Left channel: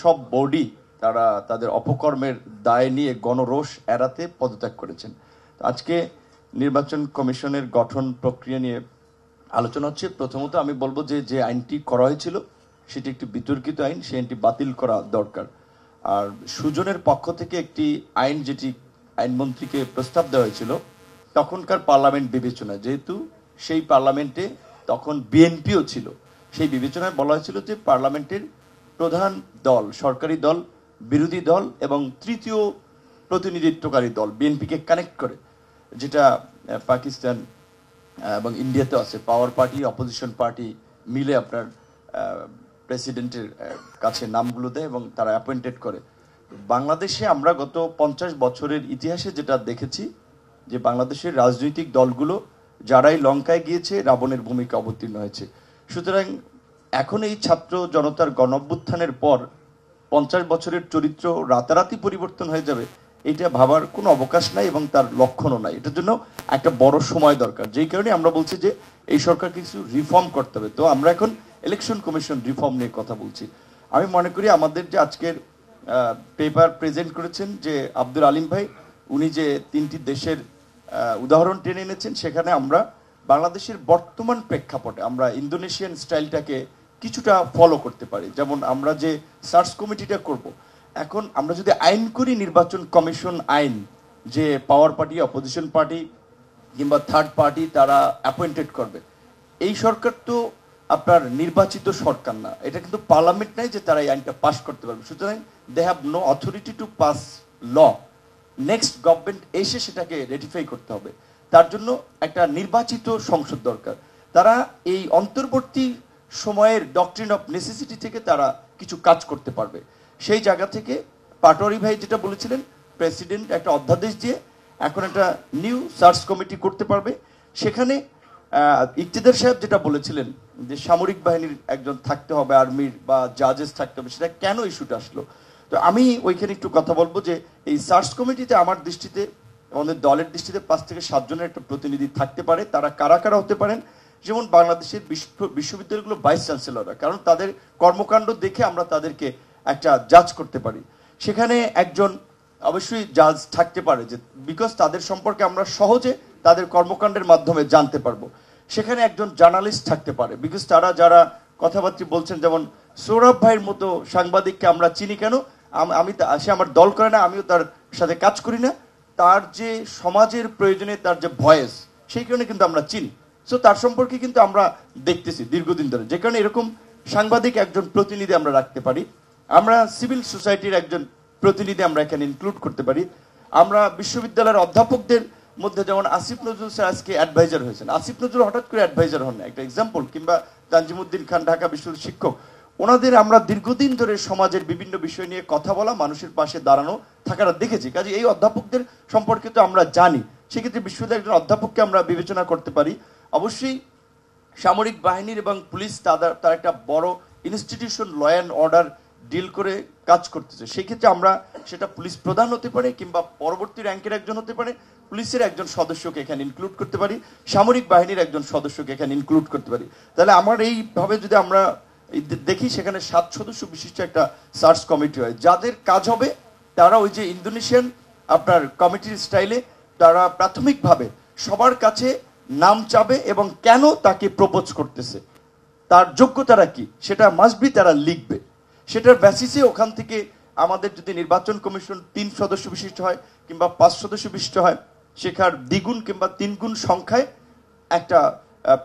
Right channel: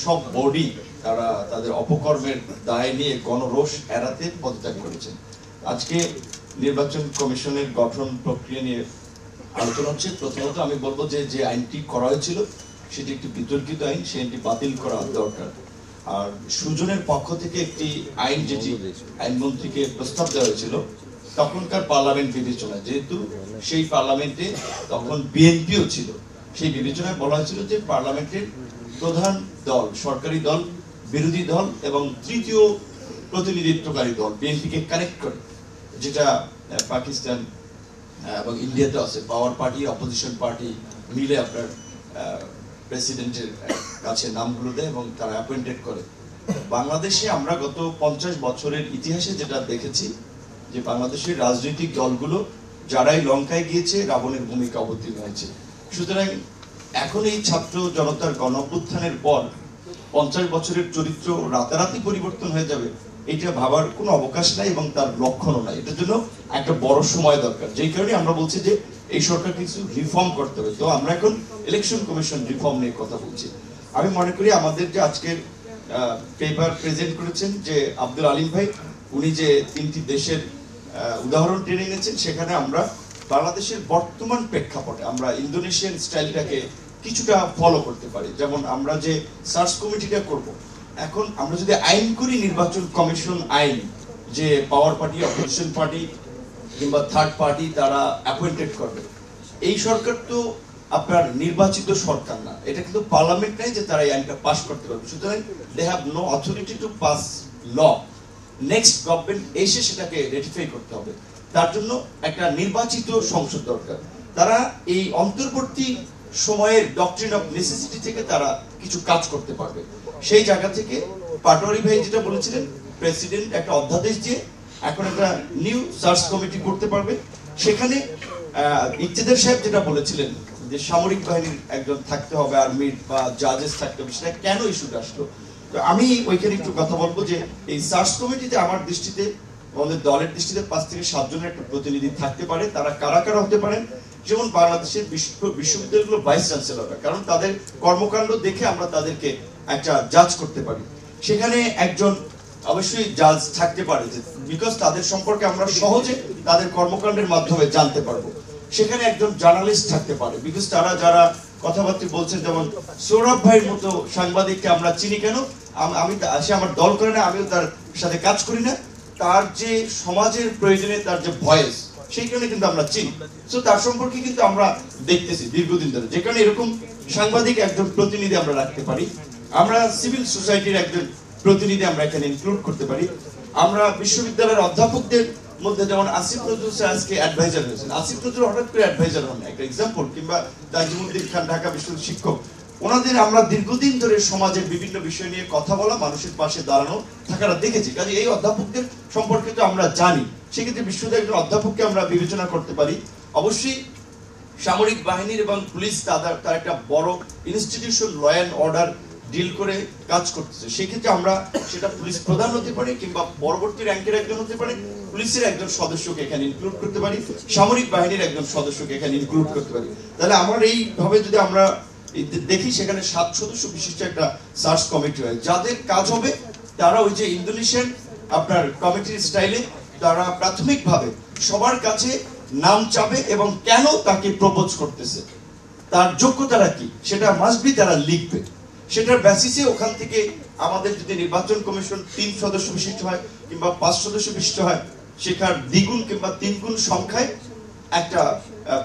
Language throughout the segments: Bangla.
সব বডি তারা তাদের অপকর্মের দায় নিয়ে গণরোষ এড়াতে পদত্যাগ করেছেন। আজকে নির্বাচন কমিশনের গঠন প্রক্রিয়া নিয়ে আলোচনা হচ্ছে। প্রথমত আমি বলবো যে যে আইনটি করা হয়েছিল সেটি একটি বিতর্কিত আইন, সেই আইনটি বাতিল করা দরকার। আর সুজনের পক্ষ থেকে একটি আইন, যেটি আইনমন্ত্রীকে প্রস্তাব দেওয়া হয়েছিল তখনকার পার্লামেন্ট বিবেচনায়, যেহেতু সেই পার্লামেন্টে তখন বিএনপিও ছিল, সেই বিবেচনায় বলা হয়েছিল যে পার্লামেন্টের প্রধান দল, সরকারি দল, বিরোধী দল এবং তৃতীয় প্রতিনিধিত্বকারী দল বিএনপিকে কানেক্ট করে, যেটা পাকিস্তান এবং ইন্ডিয়াতে আছে, পাওয়ার পার্টি অপোজিশন পার্টি মিলে আপনার প্রেসিডেন্টের কাছে নামগুলো দেয় এবং তারা অ্যাপয়েন্টেড করে। বাংলাদেশে আমরা গত 50 বছরের ইতিহাসে যেটা দেখেছি যে বাংলাদেশের রাজনৈতিক দলগুলো যারাই লঙ্কায় গিয়েছে রাবণের ভূমিকা অবতীর্ণ হয়েছে। সুতরাং এখন এই ছাত্র জনতার গণ অভ্যুত্থানের পর 50 বছরের চরিত্র রাতারাতি পরিবর্তন হয়ে যাবে, এটা ভাবার কোনো অবকাশ নাই এবং তার লক্ষণও নাই। এটার জন্য একটা বড় সময় দরকার, যেই কারণে আমরা বলছি যে এই সরকার কিছু রিফর্ম করতে হবে। তো আমরা এখন ইলেকশন কমিশন রিফর্ম নিয়ে কথা বলছি। আমি মনে করি আমাদের যে আজকের পেপার প্রেজেন্ট করেছেন যে আব্দুল আলিম ভাই, উনি যে 3টি দেশের উদাহরণ টেনে এনেছেন, সেখানে আমরা বাংলাদেশের বর্তমান প্রেক্ষাপটে আমরা ইন্দোনেশিয়ান স্টাইলটাকে কিছুটা ফলো করতে পারি। যেমন আমরা যে সার্চ কমিটিটা করব, এখন আমরা যদি আইন করি নির্বাচন কমিশন আইন, যে পাওয়ার পার্টি অপোজিশন পার্টি কিংবা থার্ড পার্টি তারা অ্যাপয়েন্টেড করবে, এই সরকার তো আপনার নির্বাচিত সরকার না, এটা কিন্তু পার্লামেন্ট নাই যে তারা এই আইনটা পাস করতে পারবে। সুতরাং they have no authority to pass law. Next government এসে সেটাকে রেটিফাই করতে হবে, তার জন্য একটা নির্বাচিত সংসদ দরকার। তারা এই অন্তর্বর্তী সময়ের ডক্ট্রিন অফ নেসেসিটি থেকে তারা কিছু কাজ করতে পারবে। সেই জায়গা থেকে পাটোয়ারি ভাই যেটা বলেছিলেন, প্রেসিডেন্ট একটা অধ্যাদেশ দিয়ে এখন একটা নিউ সার্চ কমিটি করতে পারবে। সেখানে ইকতেদার সাহেব যেটা বলেছিলেন যে সামরিক বাহিনীর একজন থাকতে হবে, আর্মির বা জাজেস থাকতে হবে, সেটা কেন ইস্যুটা আসলো? তো আমি ওইখানে একটু কথা বলবো যে এই সার্চ কমিটিতে আমার দৃষ্টিতে, আমাদের দলের দৃষ্টিতে 5 থেকে 7 জনের একটা প্রতিনিধি থাকতে পারে। তারা কারা কারা হতে পারেন? যেমন বাংলাদেশের বিশ্ববিদ্যালয়গুলো ভাইস চ্যান্সেলররা, কারণ তাদের কর্মকাণ্ড দেখে আমরা তাদেরকে একটা জাজ করতে পারি। সেখানে একজন অবশ্যই জাজ থাকতে পারে, যে বিকজ তাদের সম্পর্কে আমরা সহজে তাদের কর্মকাণ্ডের মাধ্যমে জানতে পারবো। সেখানে একজন জার্নালিস্ট থাকতে পারে, বিকজ তারা যারা কথাবার্তা বলছেন, যেমন সৌরভ ভাইয়ের মতো সাংবাদিককে আমরা চিনি কেন? আমি সে আমার দল করে না, আমিও তার সাথে কাজ করি না, তার যে সমাজের প্রয়োজনে তার যে ভয়েস, সেই কারণে কিন্তু আমরা চিনি। তো তার সম্পর্কে কিন্তু আমরা দেখতেছি দীর্ঘদিন ধরে, যে কারণে এরকম সাংবাদিক একজন প্রতিনিধি আমরা রাখতে পারি। আমরা সিভিল সোসাইটির একজন প্রতিনিধি আমরা এখানে ইনক্লুড করতে পারি। আমরা বিশ্ববিদ্যালয়ের অধ্যাপকদের মধ্যে যেমন আসিফ নজরুল স্যার আজকে অ্যাডভাইজার হয়েছেন, আসিফ নজরুল হঠাৎ করে অ্যাডভাইজার হন না, একটা এক্সাম্পল। কিংবা তাজিমুদ্দিন খান ঢাকা বিশ্ববিদ্যালয়ের শিক্ষক, ওনাদের আমরা দীর্ঘদিন ধরে সমাজের বিভিন্ন বিষয় নিয়ে কথা বলা, মানুষের পাশে দাঁড়ানো থাকাটা দেখেছি। কাজে এই অধ্যাপকদের সম্পর্কে তো আমরা জানি, সেক্ষেত্রে বিশ্ববিদ্যালয়ের একজন অধ্যাপককে আমরা বিবেচনা করতে পারি। অবশ্যই সামরিক বাহিনীর এবং পুলিশ তার একটা বড় institution, law and order deal করে কাজ করতেছে, সেক্ষেত্রে আমরা সেটা পুলিশ প্রধান হতে পারে কিংবা পরবর্তী র্যাঙ্কের একজন হতে পারে, পুলিশের একজন সদস্যকে এখানে ইনক্লুড করতে পারি, সামরিক বাহিনীর একজন সদস্যকে এখানে ইনক্লুড করতে পারি। তাহলে আমার এইভাবে যদি আমরা দেখি, সেখানে 7 সদস্য বিশিষ্ট একটা সার্চ কমিটি হয়, যাদের কাজ হবে তারা ওই যে ইন্দোনেশিয়ান আপনার কমিটির স্টাইলে তারা প্রাথমিকভাবে সবার কাছে নাম চাবে এবং কেন তাকে প্রপোজ করতেছে, তার যোগ্যতাটা কি, সেটা মাস্ট বি তারা লিখবে। সেটার বেসিসে ওখান থেকে আমাদের যদি নির্বাচন কমিশন 3 সদস্য বিশিষ্ট হয় কিংবা 5 সদস্য বিশিষ্ট হয়, সেখানে দ্বিগুণ কিংবা 3 গুণ সংখ্যায় একটা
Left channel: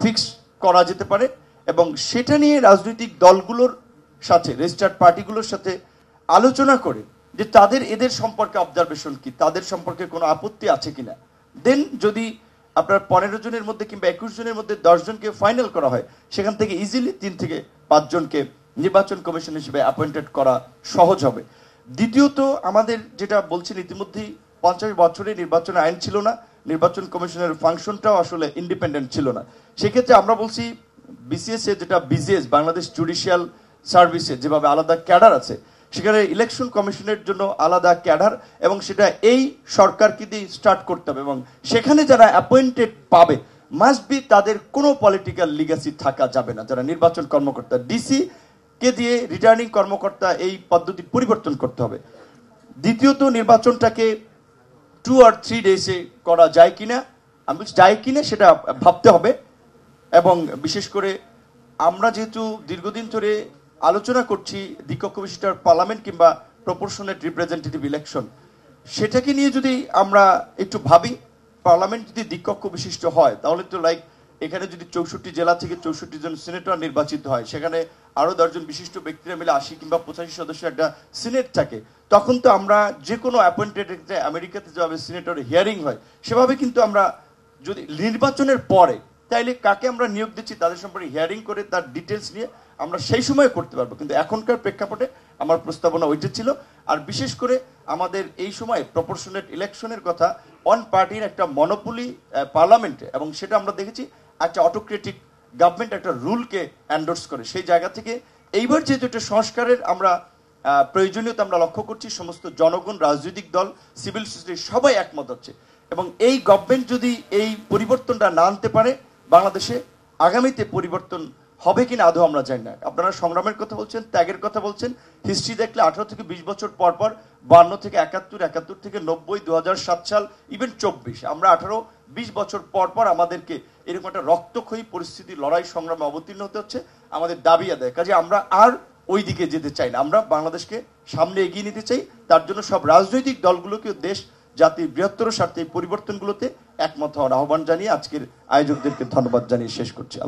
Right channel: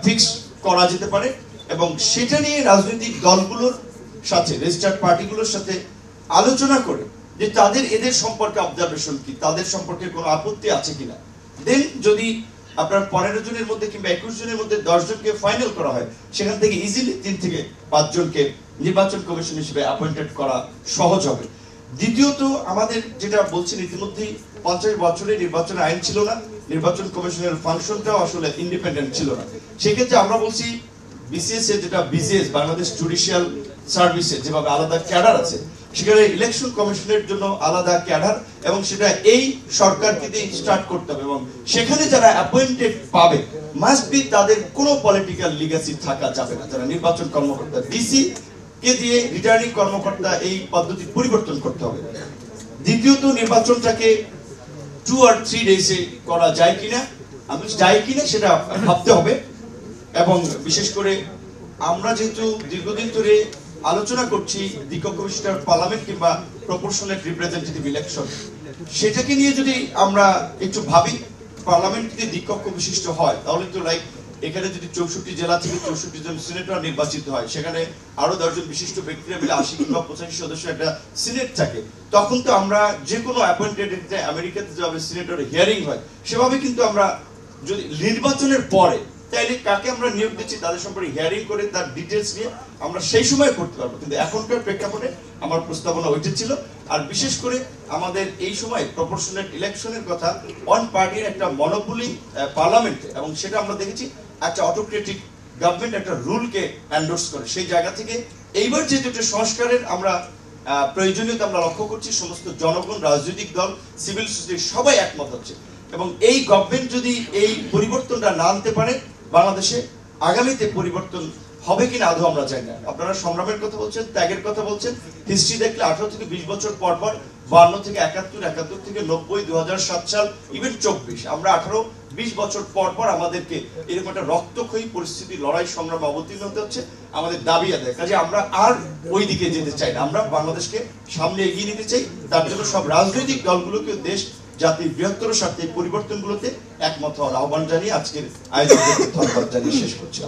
ফিক্স করা যেতে পারে। এবং সেটা নিয়ে রাজনৈতিক দলগুলোর সাথে, রেজিস্টার্ড পার্টিগুলোর সাথে আলোচনা করে যে এদের সম্পর্কে অবজারভেশন কি, তাদের সম্পর্কে কোনো আপত্তি আছে কিনা। দেন যদি আপনার 15 জনের মধ্যে কিংবা 21 জনের মধ্যে 10 জনকে ফাইনাল করা হয়, সেখান থেকে ইজিলি 3 থেকে 5 জনকে নির্বাচন কমিশন হিসেবে অ্যাপয়েন্টেড করা সহজ হবে। দ্বিতীয়ত, আমাদের যেটা বলছেন, ইতিমধ্যেই 50 বছরে নির্বাচনের আইন ছিল না, নির্বাচন কমিশনের ফাংশনটাও আসলে ইন্ডিপেন্ডেন্ট ছিল না। সেক্ষেত্রে আমরা বলছি বিসিএস এর যেটা বিসিএস, বাংলাদেশ জুডিশিয়াল সার্ভিসে যেভাবে আলাদা ক্যাডার আছে, সেখানে ইলেকশন কমিশনের জন্য আলাদা ক্যাডার, এবং সেটা এই সরকারকে দিয়ে স্টার্ট করতে হবে। এবং সেখানে যারা অ্যাপয়েন্টেড পাবে মাস্ট বি তাদের কোনো পলিটিক্যাল লিগ্যাসি থাকা যাবে না। যারা নির্বাচন কর্মকর্তা, ডিসি কে দিয়ে রিটার্নিং কর্মকর্তা এই পদ্ধতি পরিবর্তন করতে হবে। দ্বিতীয়ত নির্বাচনটাকে 2 or 3 ডেজে করা যায় কিনা, সেটা ভাবতে হবে। এবং বিশেষ করে আমরা যেহেতু দীর্ঘদিন ধরে আলোচনা করছি দ্বিকক্ষ বিশিষ্ট পার্লামেন্ট কিংবা প্রপোর্শনেট রিপ্রেজেন্টেটিভ ইলেকশন, সেটাকে নিয়ে যদি আমরা একটু ভাবি, পার্লামেন্ট যদি দ্বিকক্ষ বিশিষ্ট হয় তাহলে তো লাইক এখানে যদি 64 জেলা থেকে 64 জন সিনেটর নির্বাচিত হয়, সেখানে আরো 10 জন বিশিষ্ট ব্যক্তিরা মিলে 80 কিংবা 85 সদস্য একটা সিনেট থাকে, তখন তো আমরা যে কোনো অ্যাপয়েন্টেড আমেরিকাতে যেভাবে সিনেটর হিয়ারিং হয় সেভাবে কিন্তু আমরা যদি নির্বাচনের পরে তাইলে কাকে আমরা নিয়োগ দিচ্ছি তাদের সম্পর্কে হিয়ারিং করে তার ডিটেলস নিয়ে আমরা সেই সময় করতে পারবো। কিন্তু এখনকার প্রেক্ষাপটে আমার প্রস্তাবনা ওইটা ছিল। আর বিশেষ করে আমাদের এই সময় প্রপোর্শনেট ইলেকশনের কথা, ওয়ান পার্টির একটা মনোপলি পার্লামেন্টে, এবং সেটা আমরা দেখেছি একটা অটোক্রেটিক গভর্নমেন্ট একটা রুলকে এন্ডোর্স করে। সেই জায়গা থেকে এইবার যেহেতু একটা সংস্কারের আমরা প্রয়োজনীয়তা আমরা লক্ষ্য করছি, সমস্ত জনগণ, রাজনৈতিক দল, সিভিল সোসাইটি সবাই একমত হচ্ছে, এবং এই গভর্নমেন্ট যদি এই পরিবর্তনটা না আনতে পারে বাংলাদেশে আগামীতে পরিবর্তন হবে কিনা আদৌ আমরা চাই না। আপনারা সংগ্রামের কথা বলছেন, ত্যাগের কথা বলছেন, হিস্ট্রি দেখলে 18 থেকে 20 বছর পর পর 52 থেকে 71, 71 থেকে 90, 2007 সাল, ইভেন 24, আমরা 18-20 বছর পর পর আমাদেরকে এরকম একটা রক্তক্ষয়ী পরিস্থিতি, লড়াই সংগ্রামে অবতীর্ণ হতে হচ্ছে। আমাদের দাবি আদায়, কাজে আমরা আর ওই দিকে যেতে চাই না, আমরা বাংলাদেশকে সামনে এগিয়ে নিতে চাই। তার জন্য সব রাজনৈতিক দলগুলোকে দেশ জাতির বৃহত্তর স্বার্থে এই পরিবর্তনগুলোতে একমত হওয়ার আহ্বান জানিয়ে আজকের আয়োজকদের ধন্যবাদ জানিয়ে শেষ করছি।